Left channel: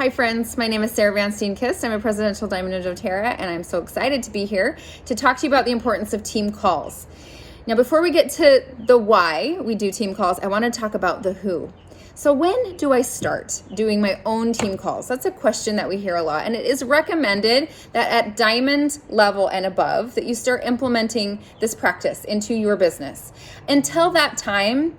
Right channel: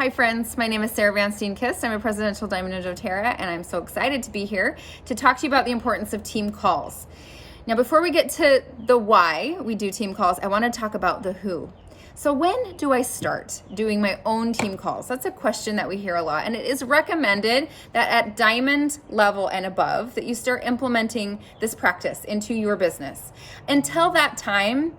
Hi friends, my name is Sarah Van Steenkist. I'm a Presidential Diamond in doTERRA, and I'm so excited to be here to talk to you about the importance of team calls. Now, before we get to the why we do team calls, I want to talk about the who. So when do I start doing my own team calls? That's a question that we hear a lot, and it is recommended that at diamond level and above that you start implementing this practice into your business. Until that time,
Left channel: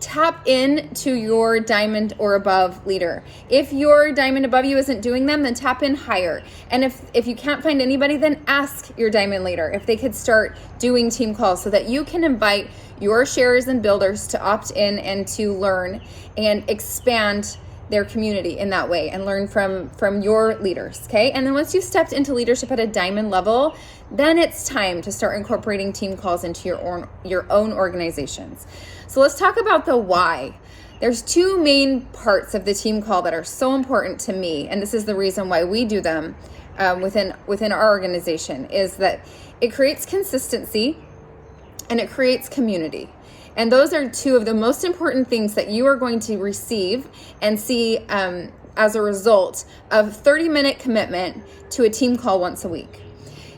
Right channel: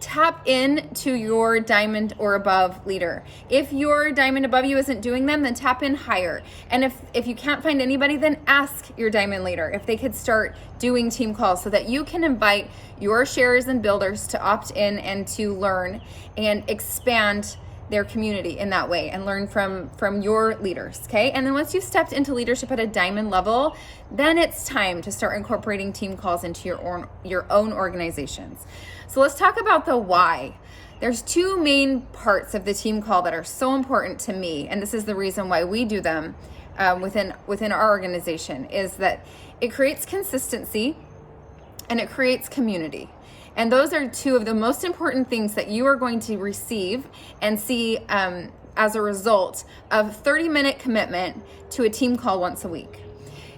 tap into your diamond or above leader. If your diamond above you isn't doing them, then tap in higher. And if you can't find anybody, then ask your diamond leader if they could start doing team calls so that you can invite your sharers and builders to opt in and to learn and expand their community in that way and learn from your leaders, okay? And then once you've stepped into leadership at a diamond level, then it's time to start incorporating team calls into your own organizations. So let's talk about the why. There's two main parts of the team call that are so important to me, and this is the reason why we do them within our organization, is that it creates consistency and it creates community. And those are two of the most important things that you are going to receive and see as a result of 30-minute commitment to a team call once a week.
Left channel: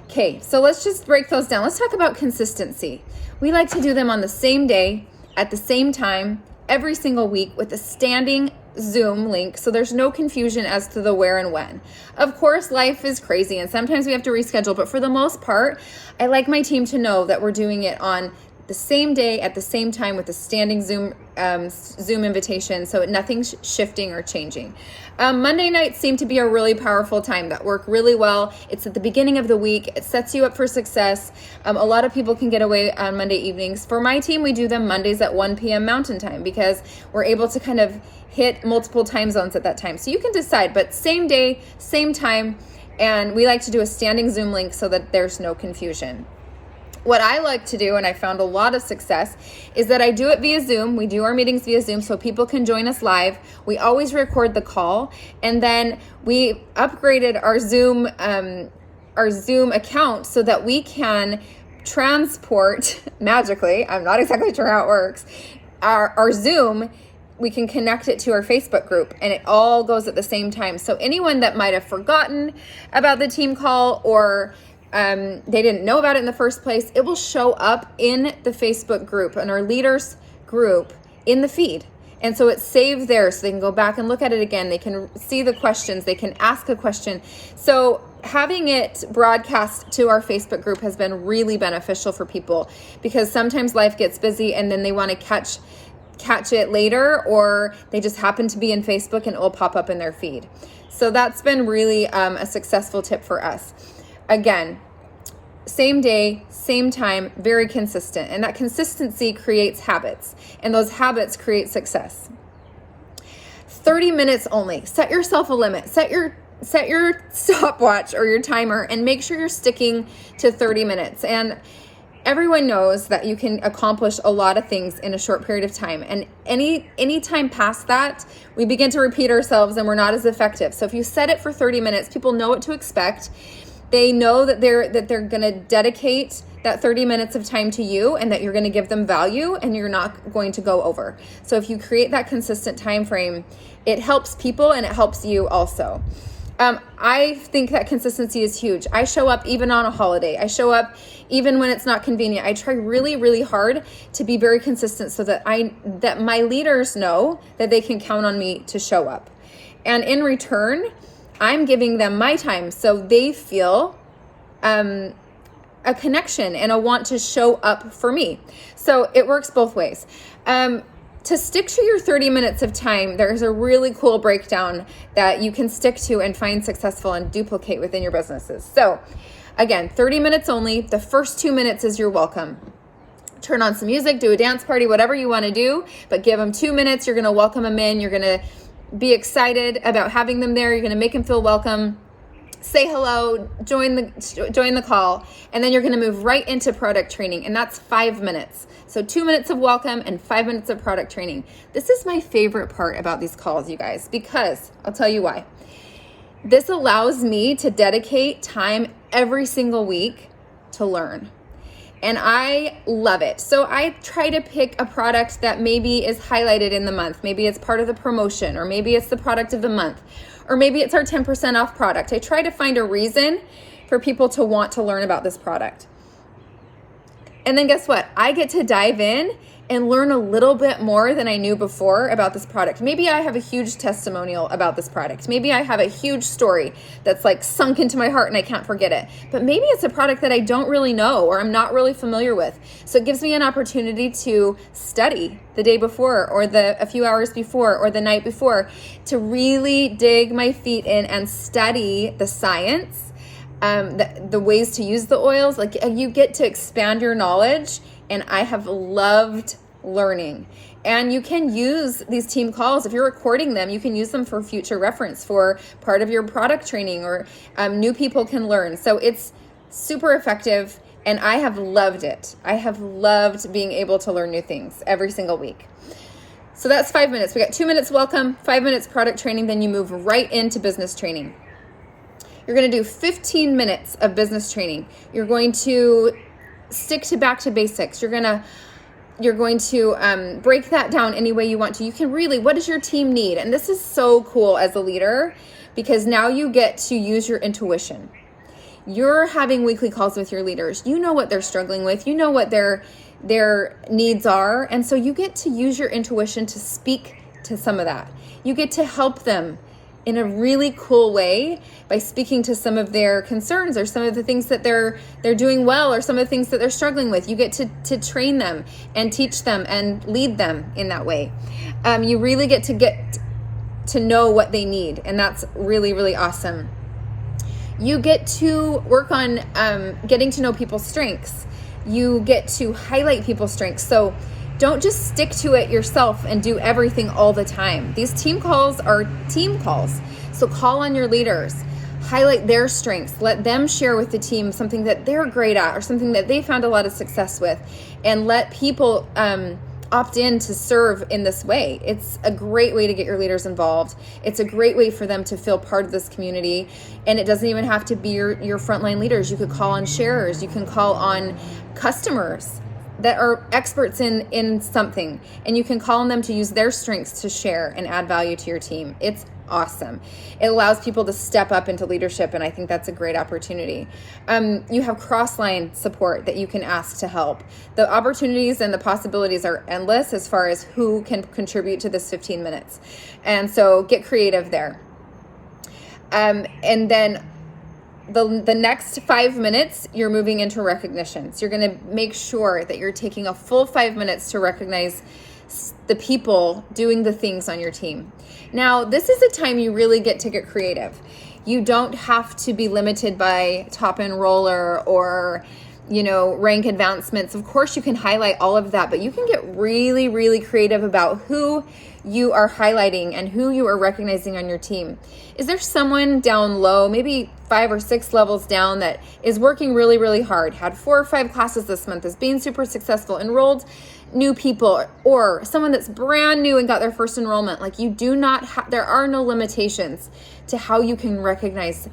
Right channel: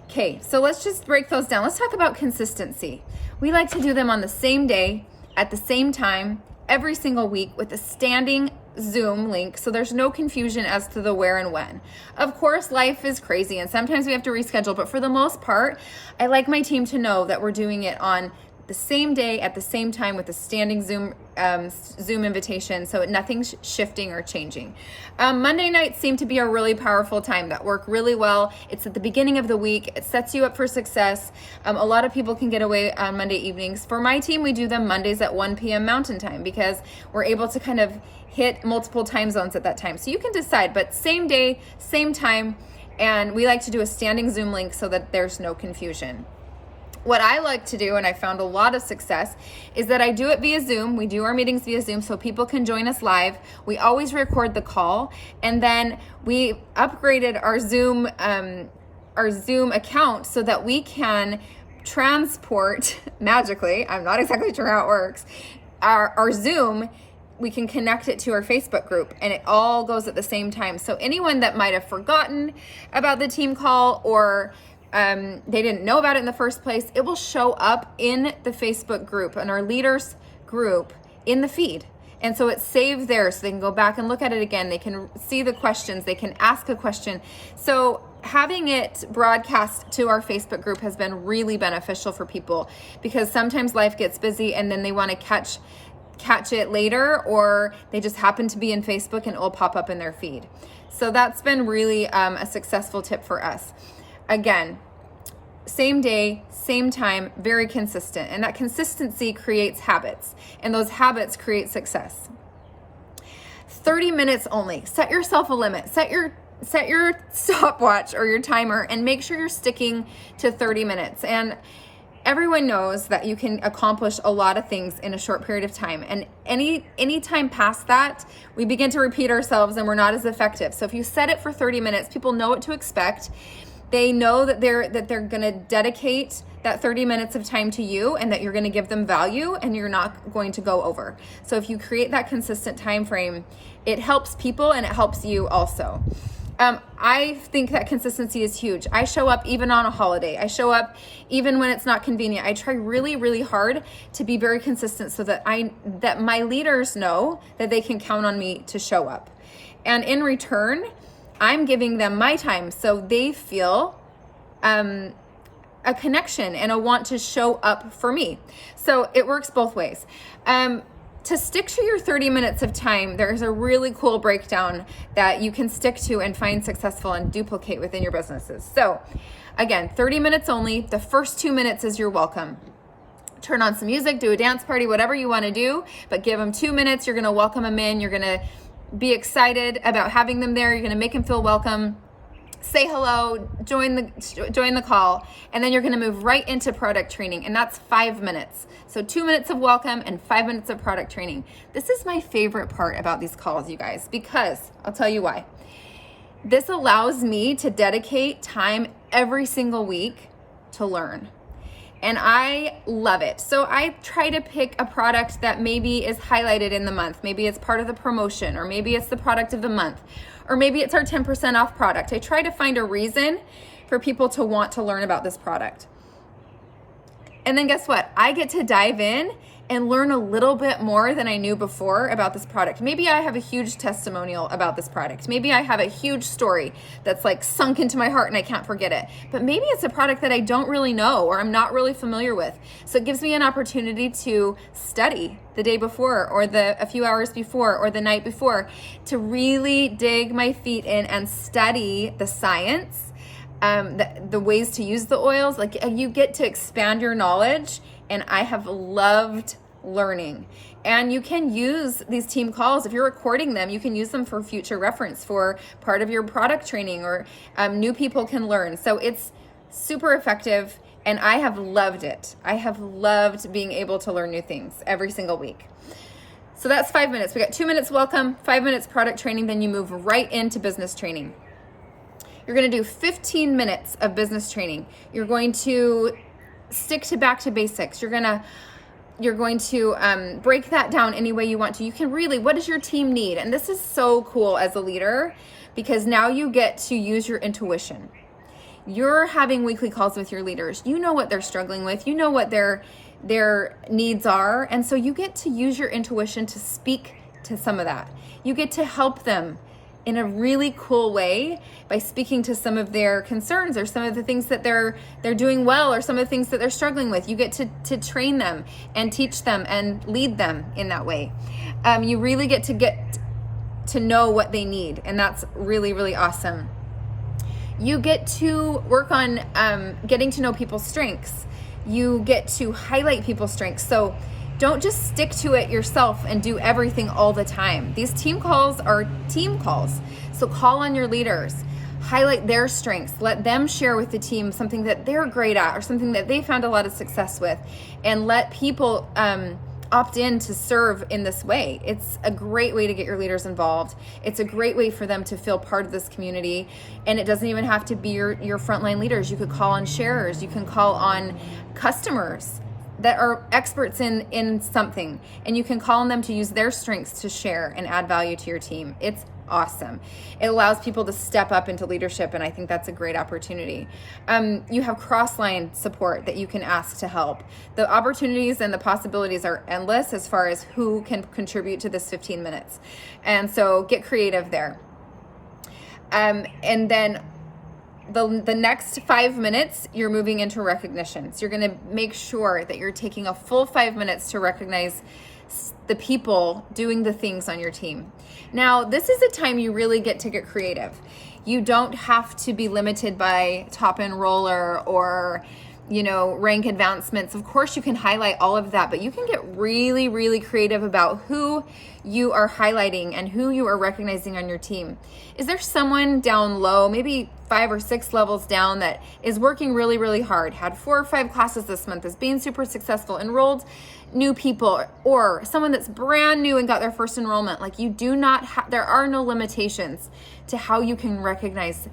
Okay, so let's just break those down. Let's talk about consistency. We like to do them on the same day, at the same time, every single week with a standing Zoom link, so there's no confusion as to the where and when. Of course, life is crazy and sometimes we have to reschedule, but for the most part, I like my team to know that we're doing it on the same day at the same time with a standing Zoom invitation, so nothing's shifting or changing. Monday nights seem to be a really powerful time that work really well. It's at the beginning of the week. It sets you up for success. A lot of people can get away on Monday evenings. For my team, we do them Mondays at 1 p.m. Mountain Time because we're able to kind of hit multiple time zones at that time. So you can decide, but same day, same time, and we like to do a standing Zoom link so that there's no confusion. What I like to do, and I found a lot of success, is that I do it via Zoom. We do our meetings via Zoom so people can join us live. We always record the call, and then we upgraded our Zoom account so that we can transport magically, I'm not exactly sure how it works, our Zoom, we can connect it to our Facebook group, and it all goes at the same time. So anyone that might have forgotten about the team call or they didn't know about it in the first place, it will show up in the Facebook group and our leaders group in the feed. And so it's saved there so they can go back and look at it again. They can see the questions, they can ask a question. So having it broadcast to our Facebook group has been really beneficial for people because sometimes life gets busy and then they want to catch it later, or they just happen to be in Facebook and it will pop up in their feed. So that's been really a successful tip for us. Again, same day, same time, very consistent. And that consistency creates habits, and those habits create success. 30 minutes only. Set yourself a limit. Set your stopwatch or your timer and make sure you're sticking to 30 minutes. And everyone knows that you can accomplish a lot of things in a short period of time. And any time past that, we begin to repeat ourselves and we're not as effective. So if you set it for 30 minutes, people know what to expect. They know that they're going to dedicate that 30 minutes of time to you and that you're going to give them value and you're not going to go over. So if you create that consistent time frame, it helps people and it helps you also. I think that consistency is huge. I show up even on a holiday. I show up even when it's not convenient. I try really, really hard to be very consistent so that my leaders know that they can count on me to show up. And in return, I'm giving them my time so they feel a connection and a want to show up for me. So it works both ways. To stick to your 30 minutes of time, there's a really cool breakdown that you can stick to and find successful and duplicate within your businesses. So again, 30 minutes only. The first 2 minutes is your welcome. Turn on some music, do a dance party, whatever you want to do, but give them 2 minutes. You're going to welcome them in. You're going to be excited about having them there. You're going to make them feel welcome. Say hello, join the call, and then you're going to move right into product training, and that's 5 minutes. So 2 minutes of welcome and 5 minutes of product training. This is my favorite part about these calls, you guys, because I'll tell you why. This allows me to dedicate time every single week to learn. and I love it. So I try to pick a product that maybe is highlighted in the month. Maybe it's part of the promotion, or maybe it's the product of the month, or maybe it's our 10% off product. I try to find a reason for people to want to learn about this product. And then guess what? I get to dive in and learn a little bit more than I knew before about this product. Maybe I have a huge testimonial about this product. Maybe I have a huge story that's like sunk into my heart and I can't forget it. But maybe it's a product that I don't really know or I'm not really familiar with. So it gives me an opportunity to study the day before, or a few hours before, or the night before, to really dig my feet in and study the science, the ways to use the oils. Like, you get to expand your knowledge, and I have loved learning. And you can use these team calls, if you're recording them, you can use them for future reference, for part of your product training, or new people can learn. So it's super effective, and I have loved it. I have loved being able to learn new things every single week. So that's 5 minutes. We got 2 minutes welcome, 5 minutes product training, then you move right into business training. You're going to do 15 minutes of business training. You're going to stick to back to basics. You're going to break that down any way you want to. You can really, what does your team need? And this is so cool as a leader, because now you get to use your intuition. You're having weekly calls with your leaders. You know what they're struggling with. You know what their needs are. And so you get to use your intuition to speak to some of that. You get to help them in a really cool way by speaking to some of their concerns, or some of the things that they're doing well, or some of the things that they're struggling with. You get to train them and teach them and lead them in that way. You really get to know what they need, and that's really, really awesome. You get to work on getting to know people's strengths. You get to highlight people's strengths. So don't just stick to it yourself and do everything all the time. These team calls are team calls. So call on your leaders, highlight their strengths, let them share with the team something that they're great at, or something that they found a lot of success with, and let people opt in to serve in this way. It's a great way to get your leaders involved. It's a great way for them to feel part of this community. And it doesn't even have to be your frontline leaders. You could call on sharers. You can call on customers that are experts in something, and you can call on them to use their strengths to share and add value to your team. It's awesome. It allows people to step up into leadership, and I think that's a great opportunity. You have cross-line support that you can ask to help. The opportunities and the possibilities are endless as far as who can contribute to this 15 minutes. And so get creative there. And then the next 5 minutes, you're moving into recognition. So you're going to make sure that you're taking a full 5 minutes to recognize the people doing the things on your team. Now, this is a time you really get to get creative. You don't have to be limited by top enroller or, rank advancements. Of course, you can highlight all of that, but you can get really, really creative about who you are highlighting and who you are recognizing on your team. Is there someone down low, maybe 5 or 6 levels down, that is working really, really hard, had 4 or 5 classes this month, is being super successful, enrolled new people, or someone that's brand new and got their first enrollment? Like, you do not there are no limitations to how you can recognize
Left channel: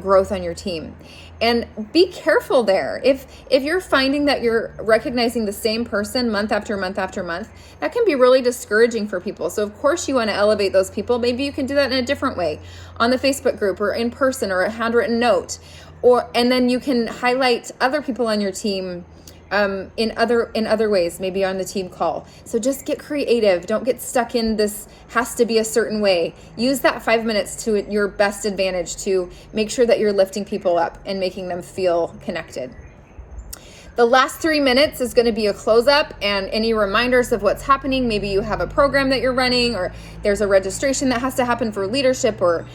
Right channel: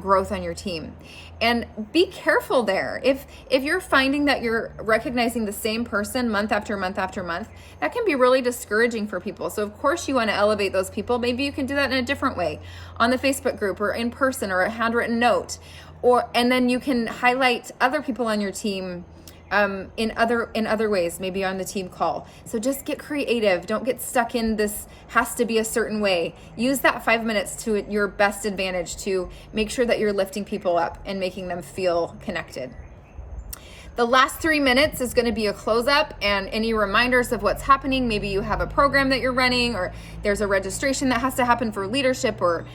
growth on your team. And be careful there. If you're finding that you're recognizing the same person month after month after month, that can be really discouraging for people. So of course you want to elevate those people. Maybe you can do that in a different way, on the Facebook group, or in person, or a handwritten note, and then you can highlight other people on your team in other ways, maybe on the team call. So just get creative. Don't get stuck in this has to be a certain way. Use that 5 minutes to your best advantage to make sure that you're lifting people up and making them feel connected. The last 3 minutes is going to be a close up and any reminders of what's happening. Maybe you have a program that you're running, or there's a registration that has to happen for leadership or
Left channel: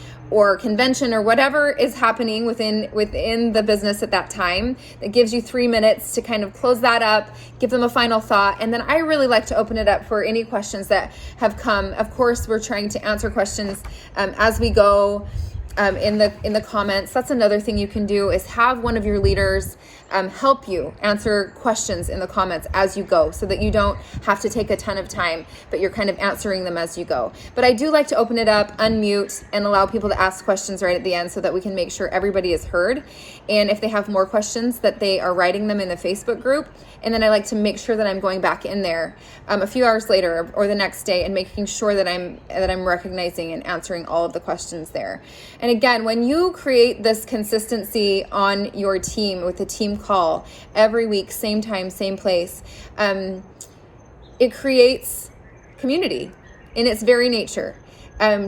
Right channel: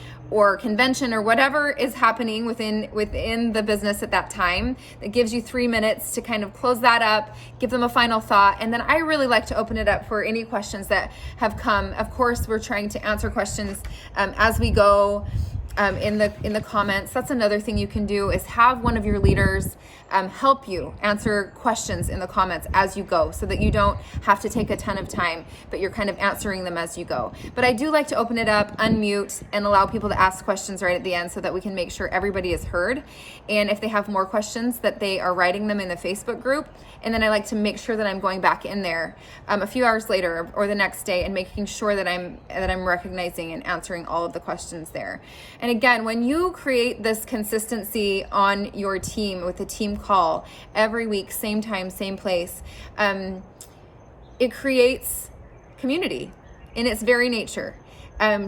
convention, or whatever is happening within the business at that time. That gives you 3 minutes to kind of close that up, give them a final thought. And then I really like to open it up for any questions that have come. Of course, we're trying to answer questions as we go. in the comments. That's another thing you can do, is have one of your leaders help you answer questions in the comments as you go, so that you don't have to take a ton of time, but you're kind of answering them as you go. But I do like to open it up, unmute, and allow people to ask questions right at the end, so that we can make sure everybody is heard. And if they have more questions, that they are writing them in the Facebook group. And then I like to make sure that I'm going back in there a few hours later or the next day and making sure that I'm recognizing and answering all of the questions there. And again, when you create this consistency on your team with a team call every week, same time, same place, it creates community in its very nature.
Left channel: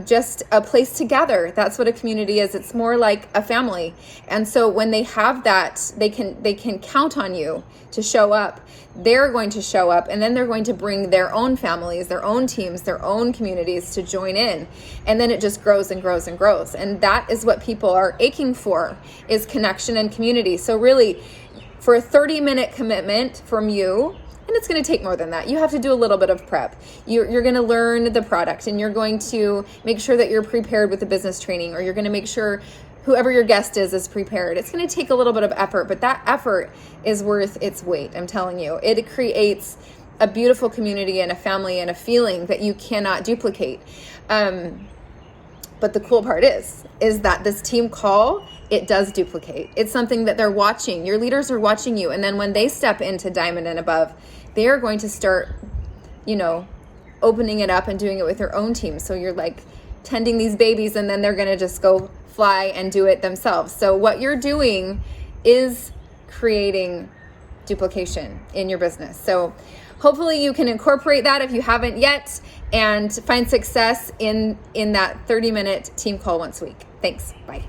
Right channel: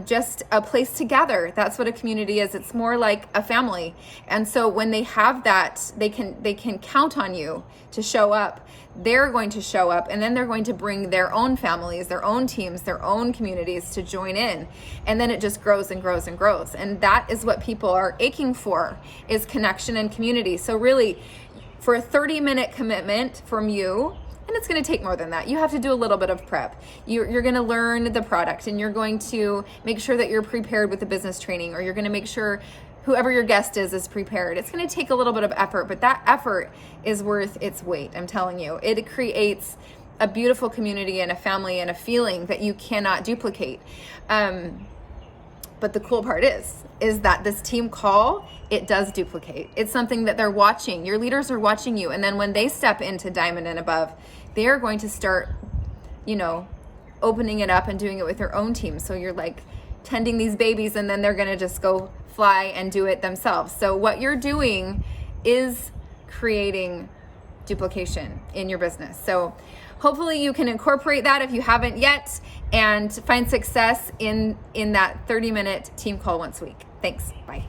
Just a place to gather. That's what a community is. It's more like a family. And so when they have that, they can count on you to show up. They're going to show up, and then they're going to bring their own families, their own teams, their own communities to join in. And then it just grows and grows and grows. And that is what people are aching for, is connection and community. So really, for a 30-minute commitment from you, and it's going to take more than that. You have to do a little bit of prep. You're going to learn the product, and you're going to make sure that you're prepared with the business training, or you're going to make sure whoever your guest is prepared. It's going to take a little bit of effort, but that effort is worth its weight. I'm telling you, it creates a beautiful community and a family and a feeling that you cannot duplicate. But the cool part is that this team call, it does duplicate. It's something that they're watching. Your leaders are watching you. And then when they step into Diamond and above, they're going to start, opening it up and doing it with their own team. So you're like tending these babies, and then they're going to just go fly and do it themselves. So what you're doing is creating duplication in your business. So hopefully you can incorporate that if you haven't yet, and find success in that 30-minute team call once a week. Thanks. Bye.